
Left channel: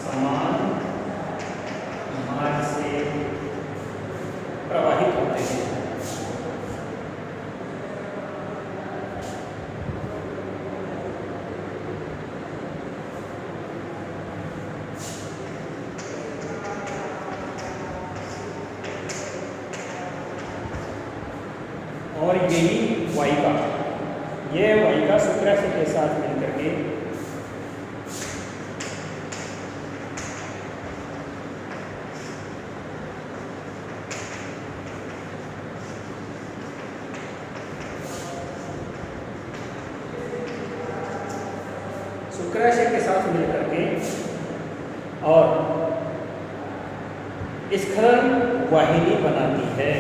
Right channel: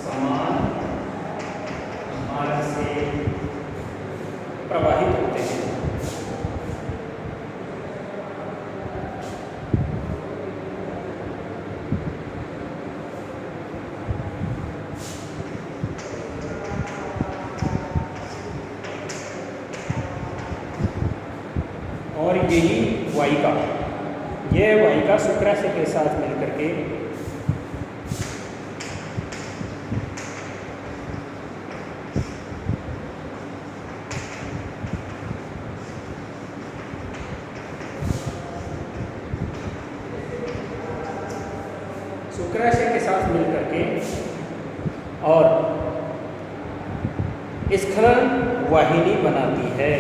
समान मार्ग से प्रवाहित होते हैं। और यही वाहिका, यह वाहिका शुक्राशय के साथ मिलकर के शुक्राशय के साथ मिलकर के और स्खलन वाहिनी बनाती है।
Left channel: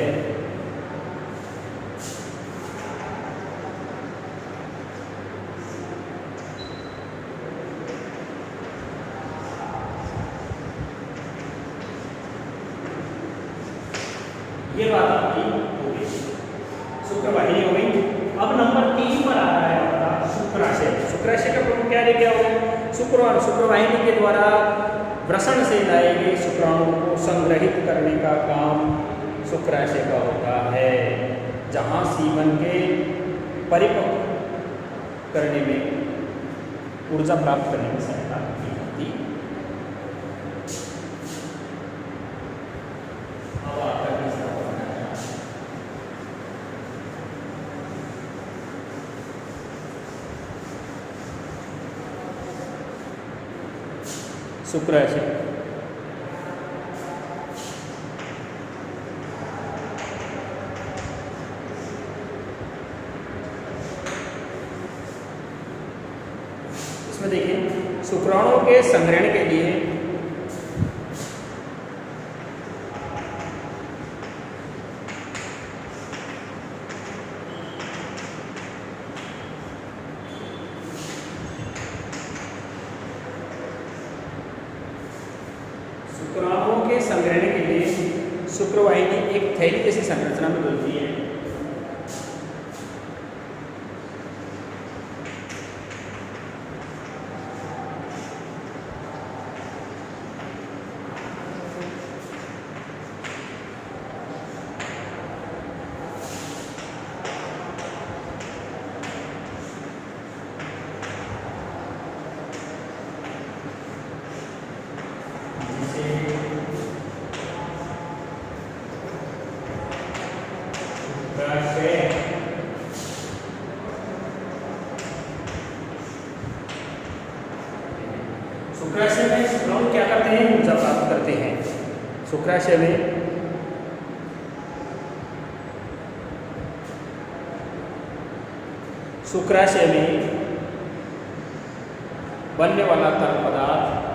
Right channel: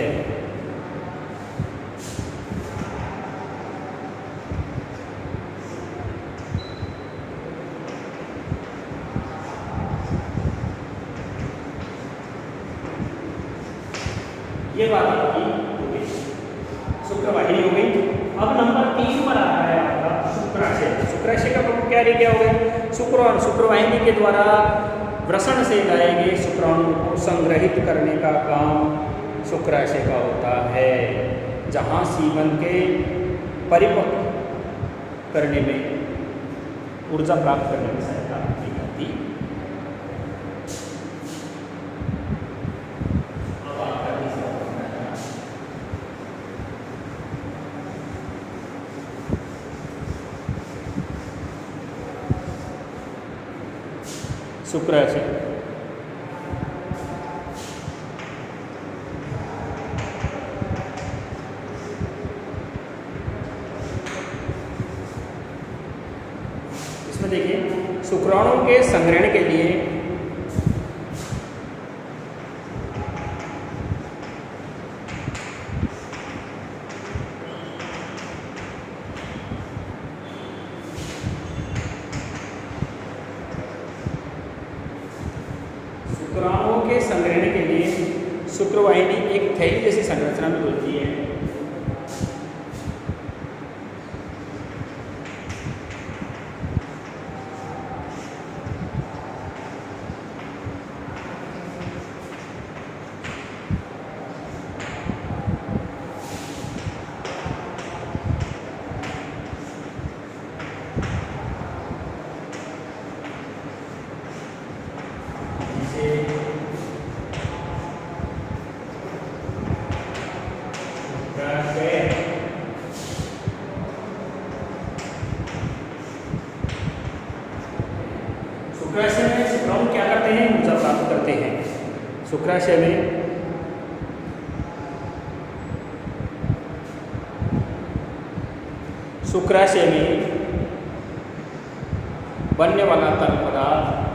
ये बात आपकी हो गई, शुक्रवाहिनी हो गई। अब नंबर 3 पर आता है आपका शुक्राशय। शुक्राशय का प्रमुख क्या लेके आओगे, शुक्राणु शुक्रवाहिनी के द्वारा वृषण से लाए गए शुक्राणु को संग्रहित करने का काम शुक्राशय का होता है, जहाँ सीमन के परिपक्व करने में ऊर्जा प्राप्त करने में सहायता की जाती है। शुक्राशय। इसमें देखिए शुक्राणुओं के संग्रहण के लिए शुक्रवाहिनी एक थैली जैसी संरचना में खुलती है। शुक्राशय में शुक्राणु क्या करते हैं? ऊर्जा प्राप्त करते हैं। शुक्राशय में बनने वाला तरल पदार्थ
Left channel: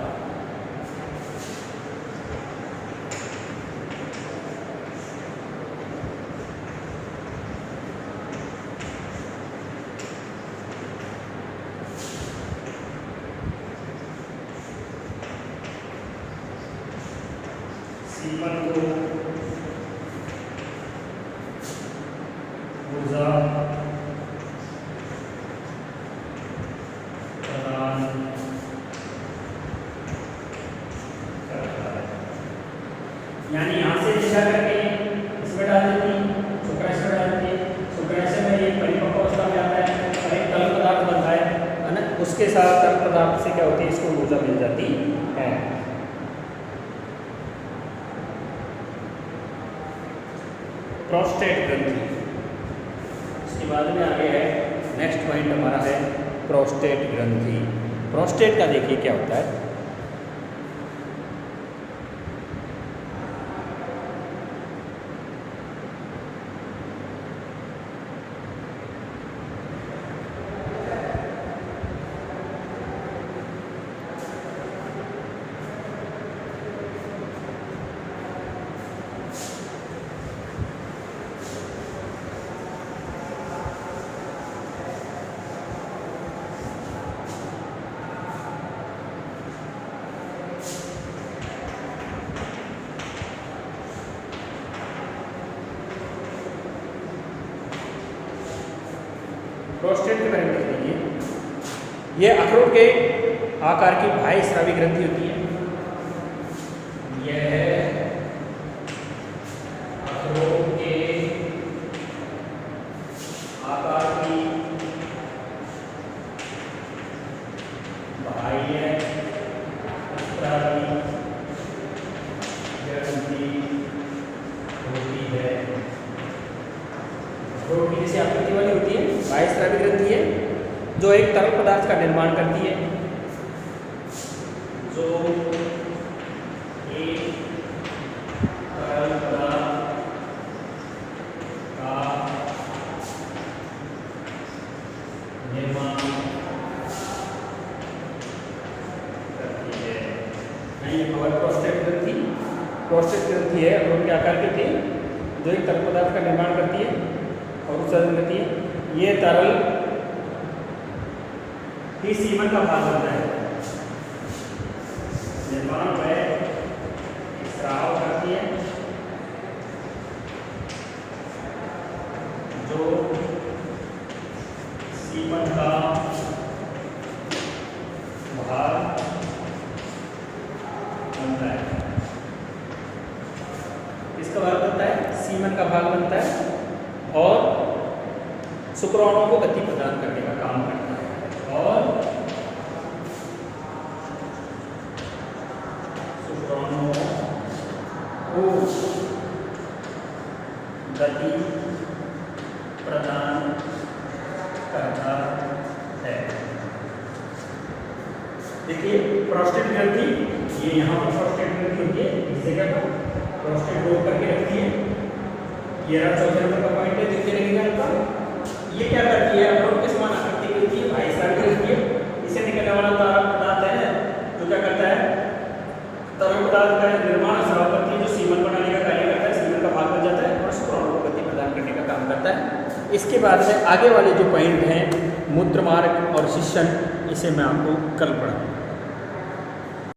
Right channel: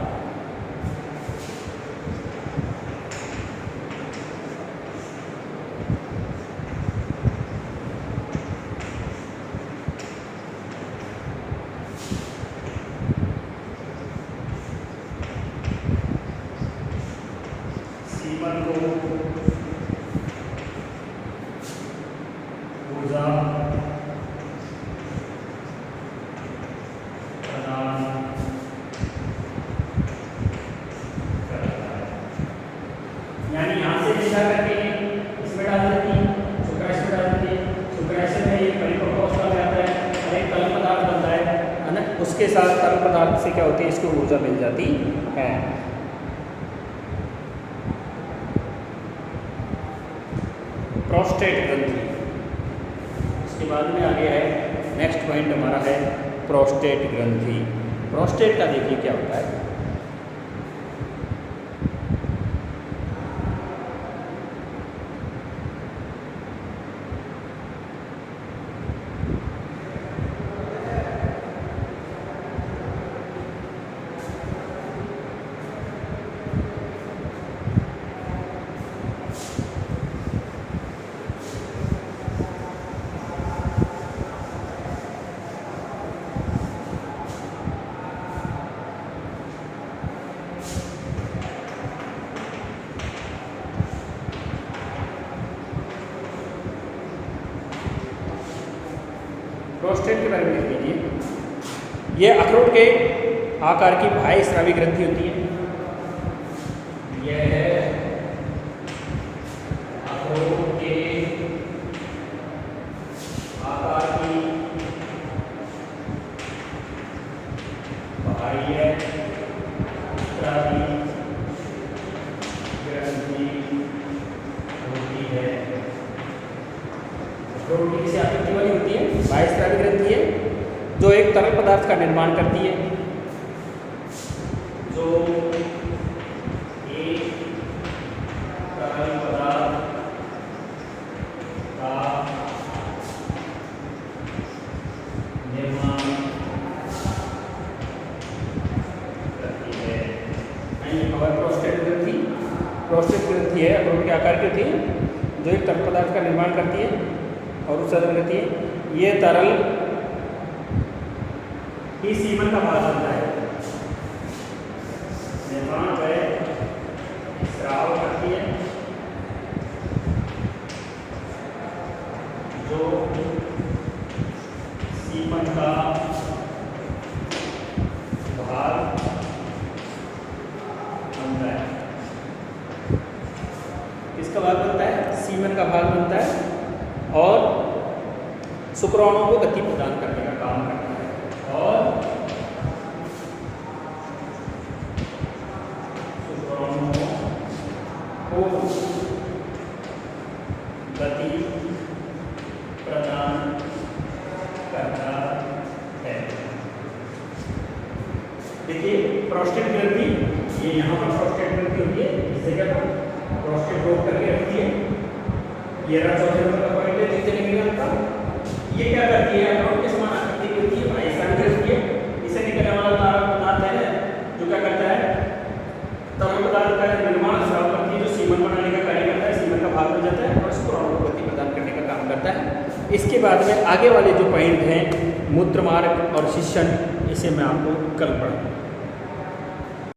सीमन को ऊर्जा प्रदान करता है। यानी यहाँ से दिशा करके इसमें डाल देती है, शुक्राशय में डाल देती है। शुक्राशय में एक परिपक्व अवस्था में आता है और एक तरल पदार्थ बनता है ना। उसके साथ तरल पदार्थ से क्या होती है? इसको ऊर्जा मिल जाती है। प्रोस्टेट ग्रंथि, इसके बाद में आगे है नेक्स्ट पॉइंट हमारा है प्रोस्टेट ग्रंथि। प्रोस्टेट का देखिए क्या होता है। प्रोस्टेट के बारे में देखिए, ये अखरोट के आकार की बाह्य स्रावी ग्रंथि होती है। यह है अखरोट के आकार की बाह्य स्रावी ग्रंथि होती है। अखरोट की जैसे आकृति वाली होती है, बाह्य स्रावी ग्रंथि है जो एक तरल पदार्थ का निर्माण करती है, जो एक तरल पदार्थ का निर्माण करती है। ये हमारी प्रोस्टेट ग्रंथि है, अखरोट के आकार की होती है जो एक तरल पदार्थ का निर्माण करती है और उत्सर्जन करती है। ये तरल ही सीमन का भाग बनता है। निर्माण जो है स्राव करती है, जो सीमन का भाग बनता है। इसका भाग बनता है, सीमन का भाग बनता है और शुक्राणुओं को गति प्रदान करने का काम करता है और शुक्राणुओं को गति प्रदान करता है। देखिए प्रोस्टेट ग्रंथि, ये यहाँ पर प्रोस्टेट ग्रंथि होती है इस जगह पर, प्रोस्टेट रोक करके रखती है। ये रहा चौथे नंबर का पॉइंट है, देखते लगेगा आपका। ये क्या करती है, अखरोट के समान आकृति की होती है, भाई होती है। इसे निकलने वाला तरल पदार्थ है जो क्या करता है, तरल पदार्थ का निर्माण स्राव करती है, जो सीमन बनाने का कार्य करता है, सीमन का भाग बन जाता है और स्त्राव को गति प्रदान करने का काम करता है। इसके बाद में आगे वाले जो पॉइंट हैं मूत्र मार्ग और शिशन, इसे मैं आपको कल पढ़ाऊंगा।